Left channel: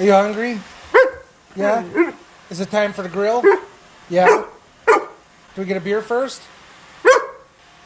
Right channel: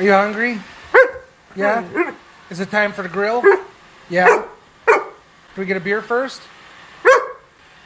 Are you hungry? Yeah? Is it time for the grill? Yeah? Do we get a beer first?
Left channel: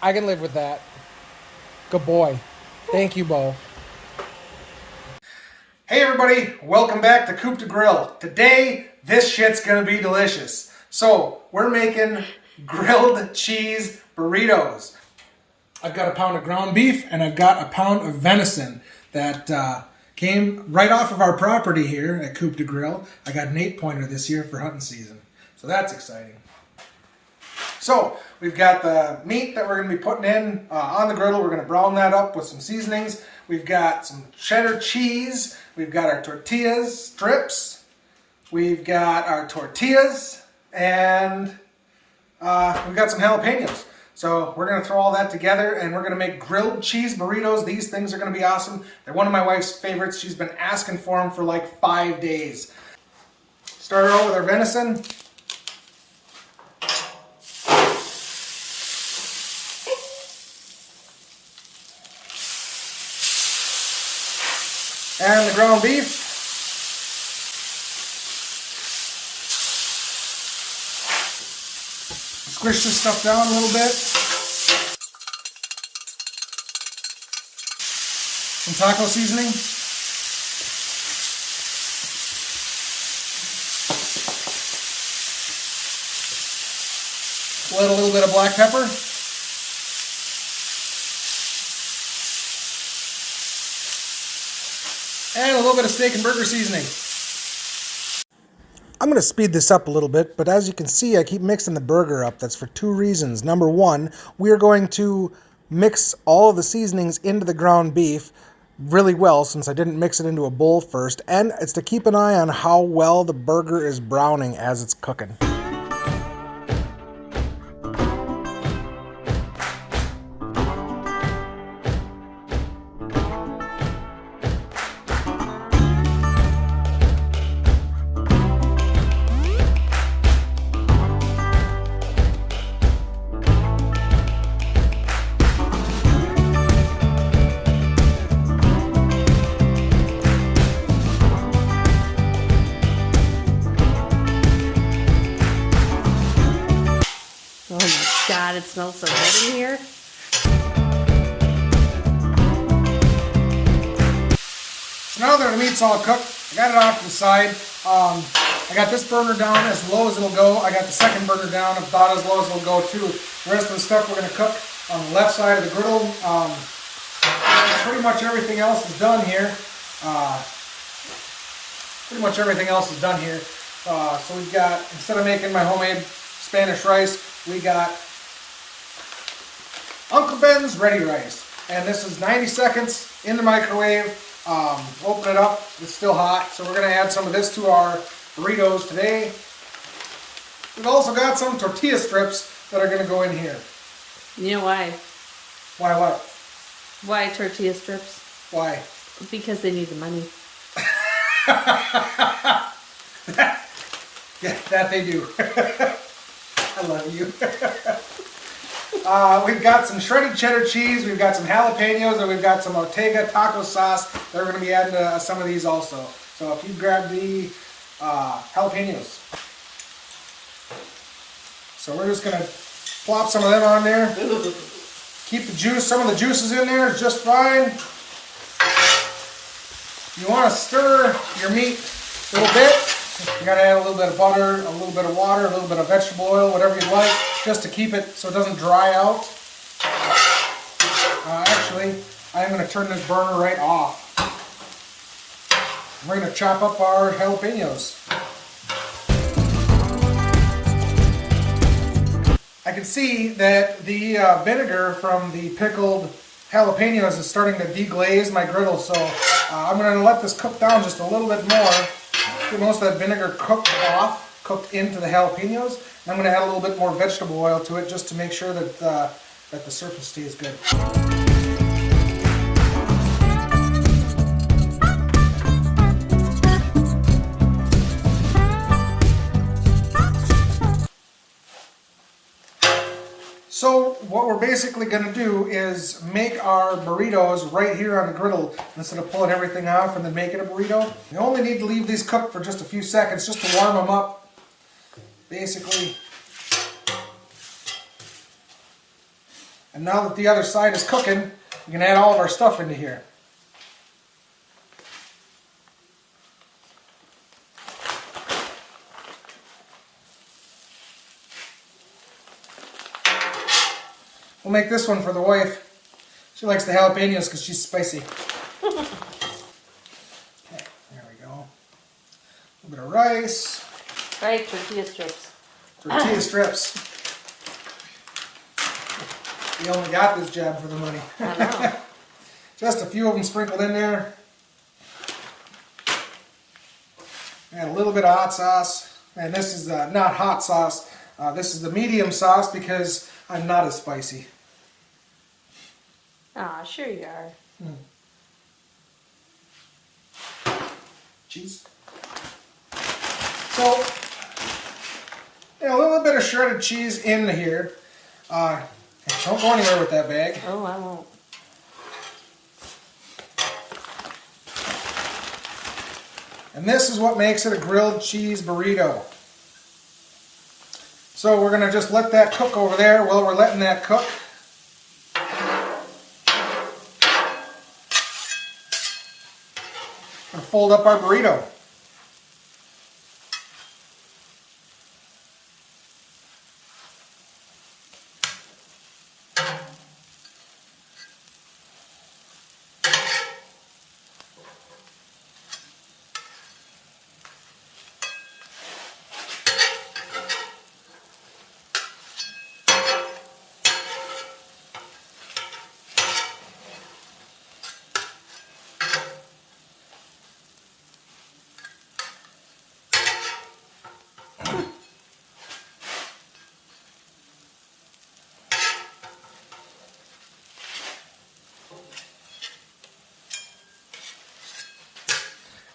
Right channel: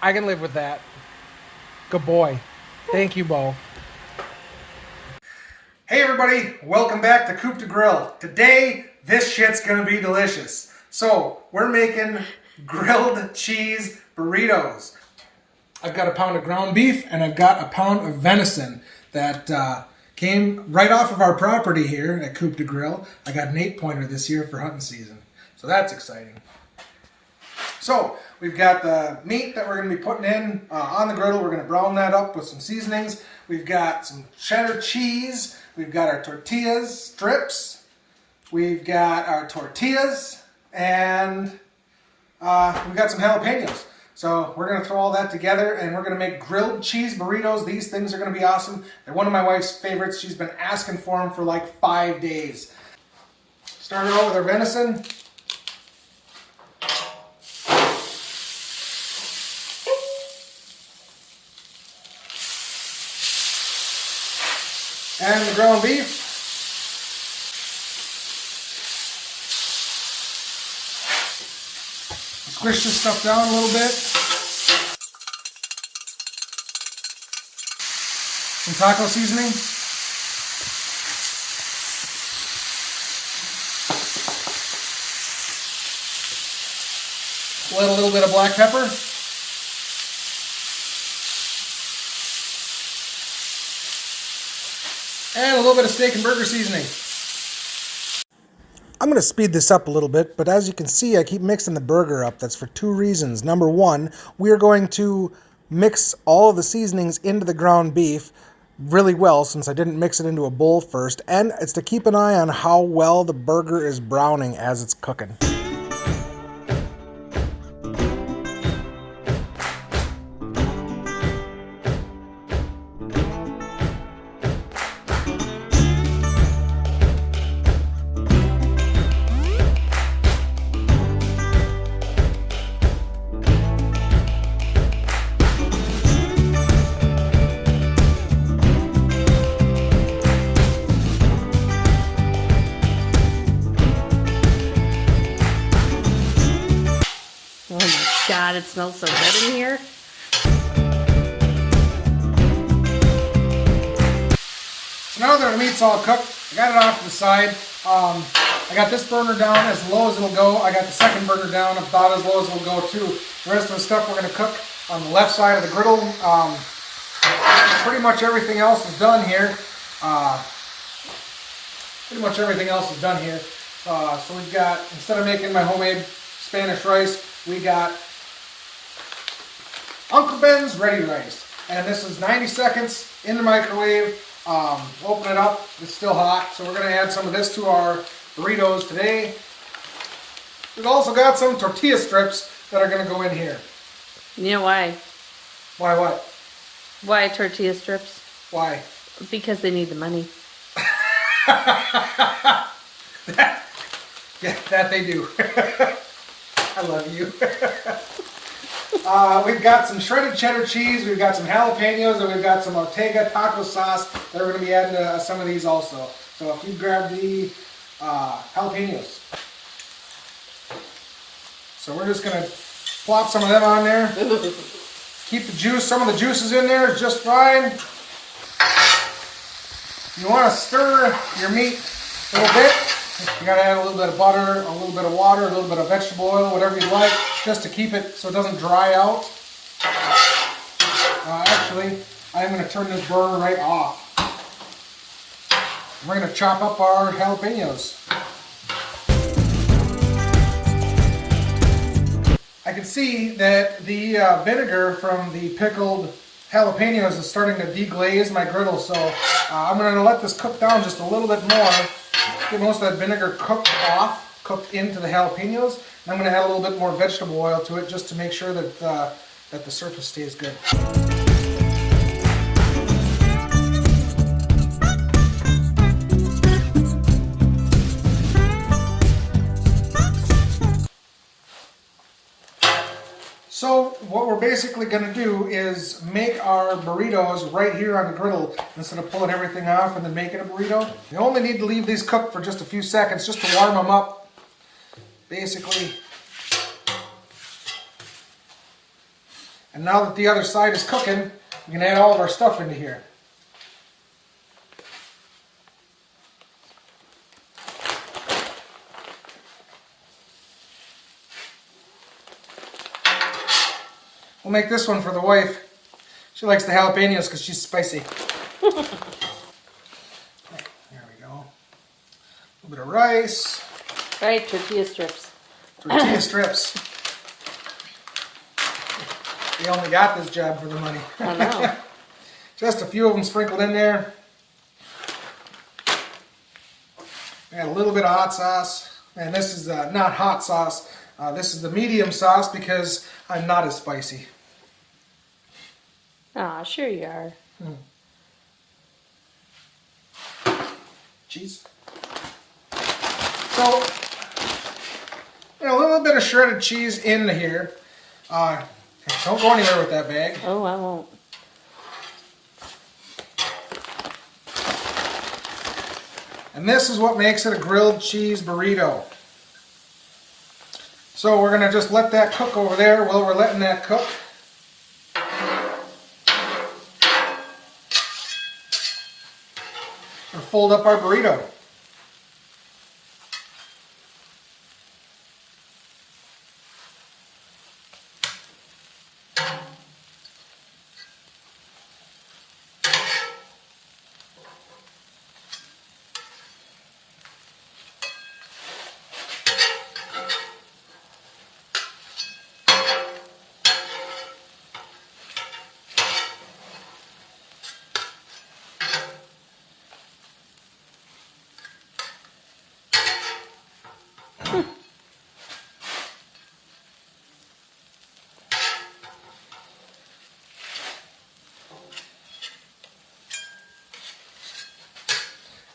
I can live with that. Good boy. Thank you, Bo. Hey everybody, welcome back to Coop to Grill. Today, this shit's gonna be delicious. So, we're making grilled cheese burritos. I've got a pound of ground beef and I've got a pound of venison that came right off of our property here at Coop to Grill. I got an 8-pointer this year for hunting season, so that's exciting. So, we've got the meat that we're going to be putting in on the griddle. We're going to brown that up with some seasonings. We've got some cheddar cheese. We've got our tortillas strips. We've got our tortillas. And we've got some jalapenos. So we're going to throw all that together and we're going to make grilled cheese burritos. These things are going to be awesome. They're one of my wife's favorites. She's been asking for them for like 5 days. Started out with our venison. And the ground beef. Squish this stuff down a little bit. Some taco seasoning. Let a little bit of black pepper. And a little bit of steak and burger seasoning. I'm going to speed this up a little bit, but as you can see, I keep mixing the burger up. That's for 2 reasons. Number 1, we are going to mix all of the seasonings into the ground beef really well, since I didn't mix it into a bowl first, and it's to keep an eye on how well the burger is browning as it's cooking. God, it smells so good in here. So now that the meat's all cooked, I got it off to the side. I got this burner down as low as it'll go. I got the second burner down about as low as it'll go too. The rest of the stuff we're going to cook on the left side of the griddle. Pretty much everything else is done here. So we've got, instead of making my homemade Spanish rice, we got Uncle Ben's Ready Rice. And this is 90 seconds in the microwave. Open it up, it's still hot. So we're going to add some of this to our burritos today. We've also got some tortilla strips that are going to go in here. You know why? Why what? Why tortilla strips? Why? Because they need the money. that they do. I love you. We've got some shredded cheddar cheese, we've got some jalapenos, and we've got some Ortega taco sauce that we're going to be adding to some of these also. So if you grab the jalapenos. So we're just going to plop some of them on there. Keep the juice, some of the juices in there is just fine. You want to stir your meat a little bit. You got to add a little bit of butter, a little bit of water, a little bit of vegetable oil, whatever you'd like, just to keep it so it doesn't dry out. Actually, I'm going to turn this burner right off. We're going to chop up our jalapenos. I can see that the vinegar from the pickled jalapenos is starting to deglaze my griddle, so I'm going to let this cook down just a little bit more. Get most of that vinegar cooked into the jalapenos. And I'm going to add a little bit more vegetable oil to it just to make sure that that the surface stays good. So what we're basically going to do is make our burritos right here on the griddle instead of pulling everything off and then making a burrito. You only need to leave these cooked for just a few seconds just to warm them up, basically. And now that the other side is cooking, we can add all of our stuff into here. We'll make this one for the wife. She likes the jalapenos because she's spicy. Okay, there we go. A little bit of rice. All right, tortilla strips. Tortilla strips. We only got this job for the money. Just a few of them sprinkled in there. Add a little bit of hot sauce. And this is not hot sauce. This is the medium sauce because I'm not as spicy. Aw, sure you are. Cheese. So, a little bit of shredded cheese into here. Don't go anywhere with that bag. Oh, I won't. And this is what makes it a grilled cheese burrito. So we're going to just let that cook over there while we're letting that cook. And fold up our burrito.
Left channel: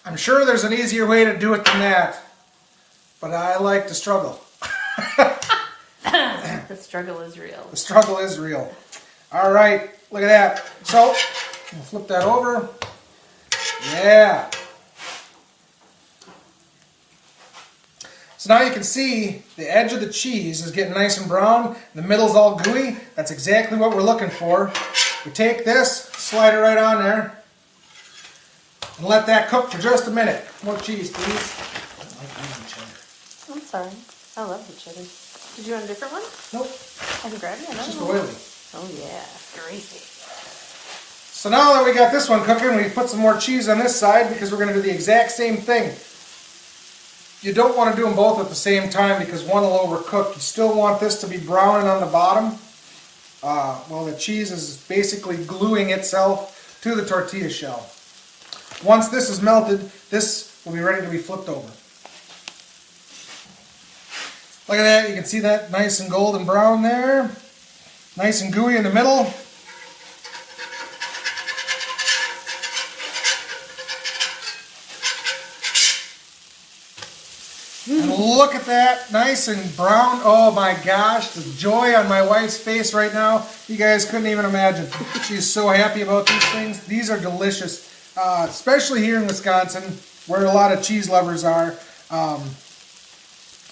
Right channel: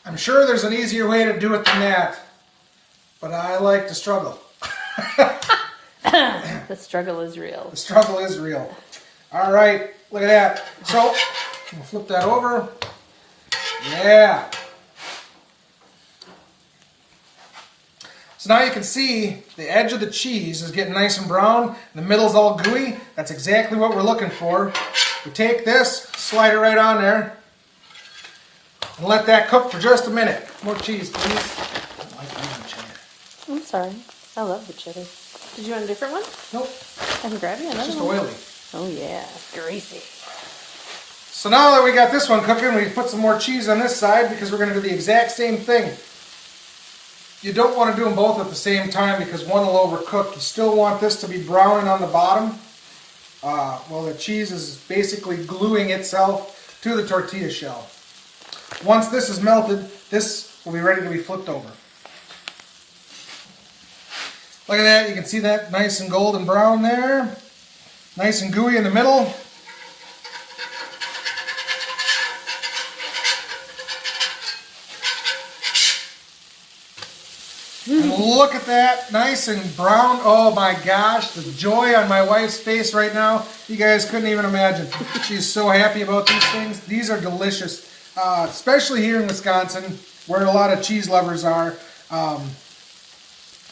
I'm sure there's an easier way to do it than that, but I like to struggle. The struggle is real. The struggle is real. All right, look at that. So, we'll flip that over. Yeah. So now you can see the edge of the cheese is getting nice and brown. The middle's all gooey. That's exactly what we're looking for. We take this, slide it right on there, and let that cook for just a minute. More cheese, please. I don't like eating cheddar. I'm sorry. I love the cheddar. Did you want a different one? Nope, I can grab it. it's just oily. Oh yeah, greasy. So now that we got this one cooking, we put some more cheese on this side because we're going to do the exact same thing. You don't want to do them both at the same time because one will overcook. You still want this to be browning on the bottom. Well, the cheese is basically gluing itself to the tortilla shell. Once this is melted, this will be ready to be flipped over. Look at that, you can see that nice and golden brown there. Nice and gooey in the middle. And look at that, nice and brown. Oh my gosh, the joy on my wife's face right now, you guys couldn't even imagine. She's so happy about these things. These are delicious. Especially here in Wisconsin, where a lot of cheese lovers are.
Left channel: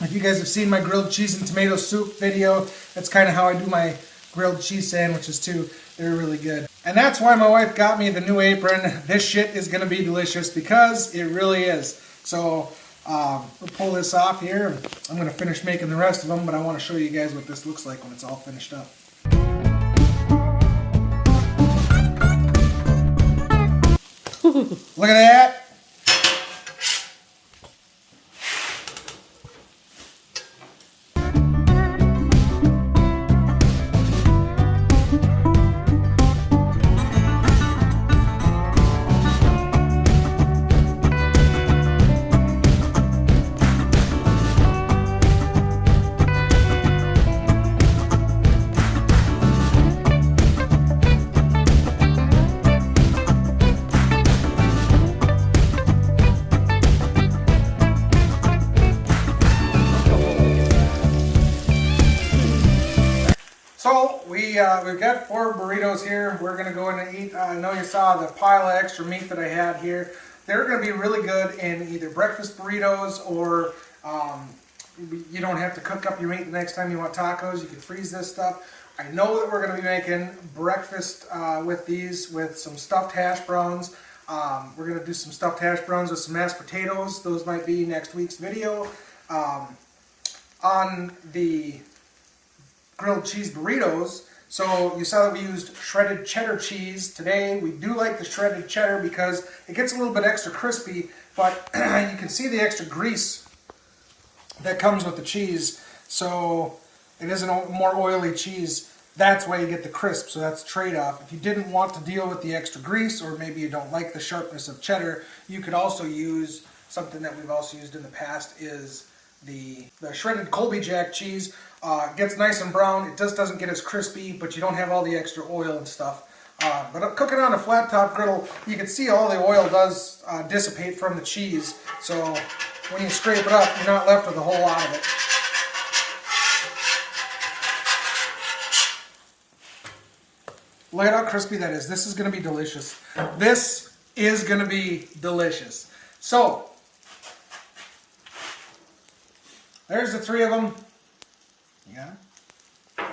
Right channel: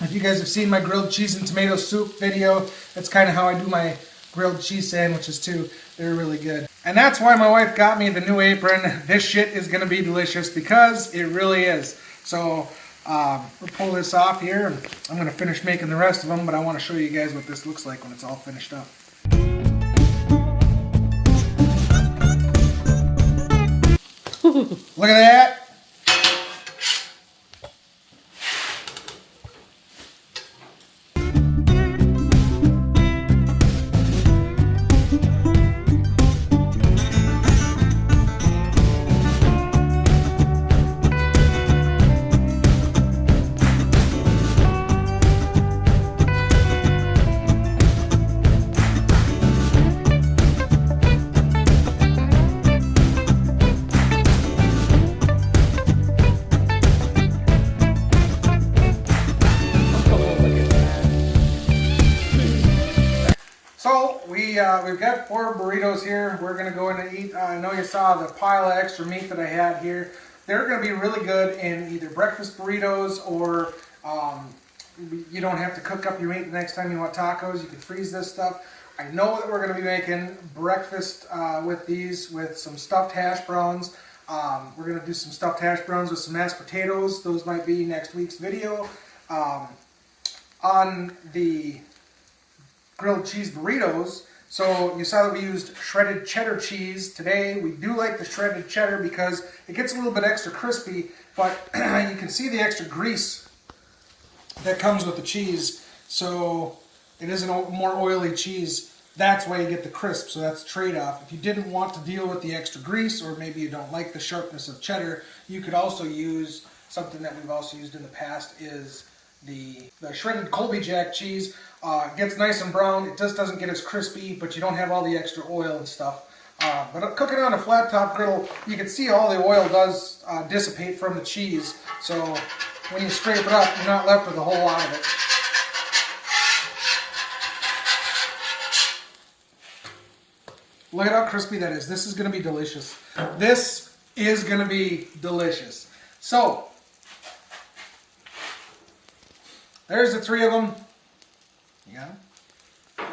If you guys have seen my grilled cheese and tomato soup video, that's kind of how I do my grilled cheese sandwiches too. They're really good. And that's why my wife got me the new apron. This shit is going to be delicious because it really is. So we'll pull this off here. And I'm going to finish making the rest of them, but I want to show you guys what this looks like when it's all finished up. Look at that. So we've got 4 burritos here. We're gonna go in and eat. I know you saw the pile of extra meat that I had here. They're gonna be really good in either breakfast burritos or you don't have to cook up your meat the next time you want tacos. You can freeze this stuff. I know that we're gonna be making breakfast with these with some stuffed hash browns. We're gonna do some stuffed hash browns with some mashed potatoes. Those might be next week's video. On the grilled cheese burritos, so you saw that we used shredded cheddar cheese today. We do like the shredded cheddar because it gets a little bit extra crispy, but you can see the extra grease that comes with the cheese, so it is a more oily cheese. That's why you get the crisp, so that's the trade-off. If you didn't want to deal with the extra grease, or maybe you don't like the sharpness of cheddar, you could also use something that we've also used in the past is the shredded Colby Jack cheese. Gets nice and brown. It just doesn't get as crispy, but you don't have all the extra oil and stuff. But cooking on a flat top griddle, you can see all the oil does dissipate from the cheese. So when you scrape it up, you're not left with a whole lot of it. Look at how crispy that is. This is going to be delicious. This is going to be delicious. So there's the 3 of them. Yeah. I'm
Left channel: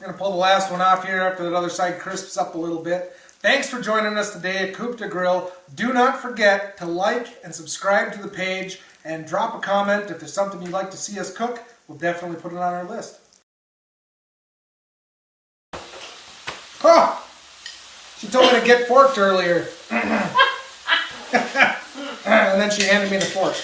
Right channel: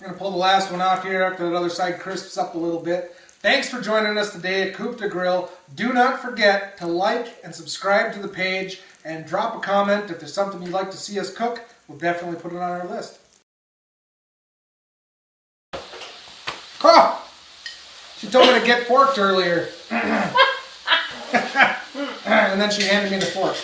going to pull the last one off here after the other side crisps up a little bit. Thanks for joining us today at Coop de Grill. Do not forget to like and subscribe to the page and drop a comment if there's something you'd like to see us cook. We'll definitely put it on our list. Oh! She told me to get forked earlier. And then she handed me the fork.